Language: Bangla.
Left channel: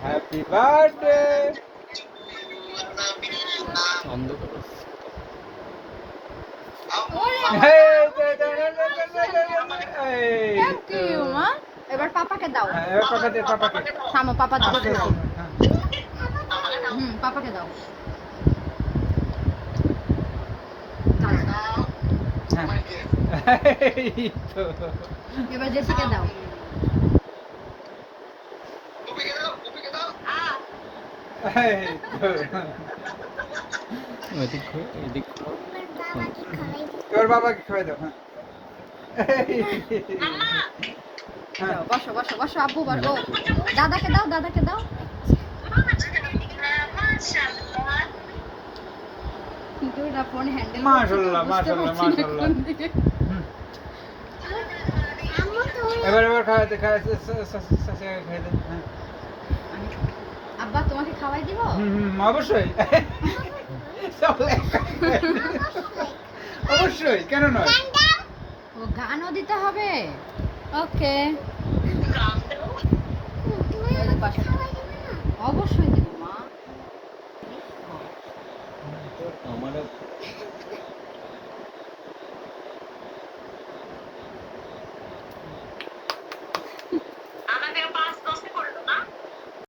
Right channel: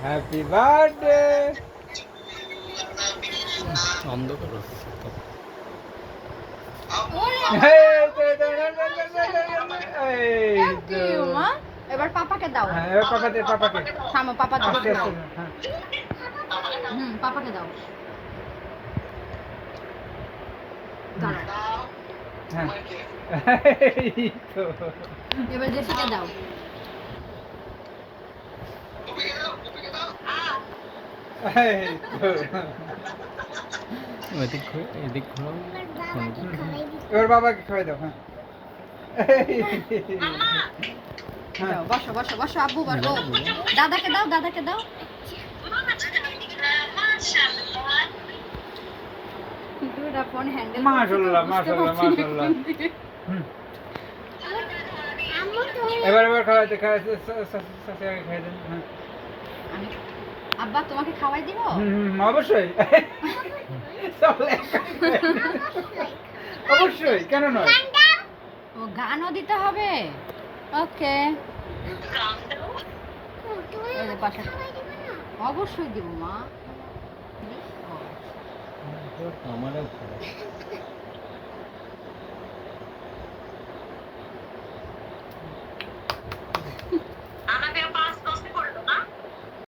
হ্যাপি বার্থডে অন্ধকার Thank এবার পাপাকে দাও। হ্যাঁ এবার পাপা দে পাপাকে পাপা দাও। হ্যাঁ। হুম পাপাকে দাও। হ্যাঁ। এবার জেসিকে দাও। এই তো। এদিক ঘুরে এদিক ঘুরে এবার বাবাকে খাওয়াই দাও হ্যাঁ হ্যাঁ বসো বসো বসো আব্বু বসো দাদাকে দাও দাদাকে দাও। এবার এবার খাওয়াইতে খাওয়াইতে খাই দেন হ্যাঁ আব্বা তোমাকে খাওয়াই দিব? হুম অবশ্যই। অবশ্যই কেন নয়? ও গানও দিতে হবে? ওকে। অবশ্যই দিব মা। আমারও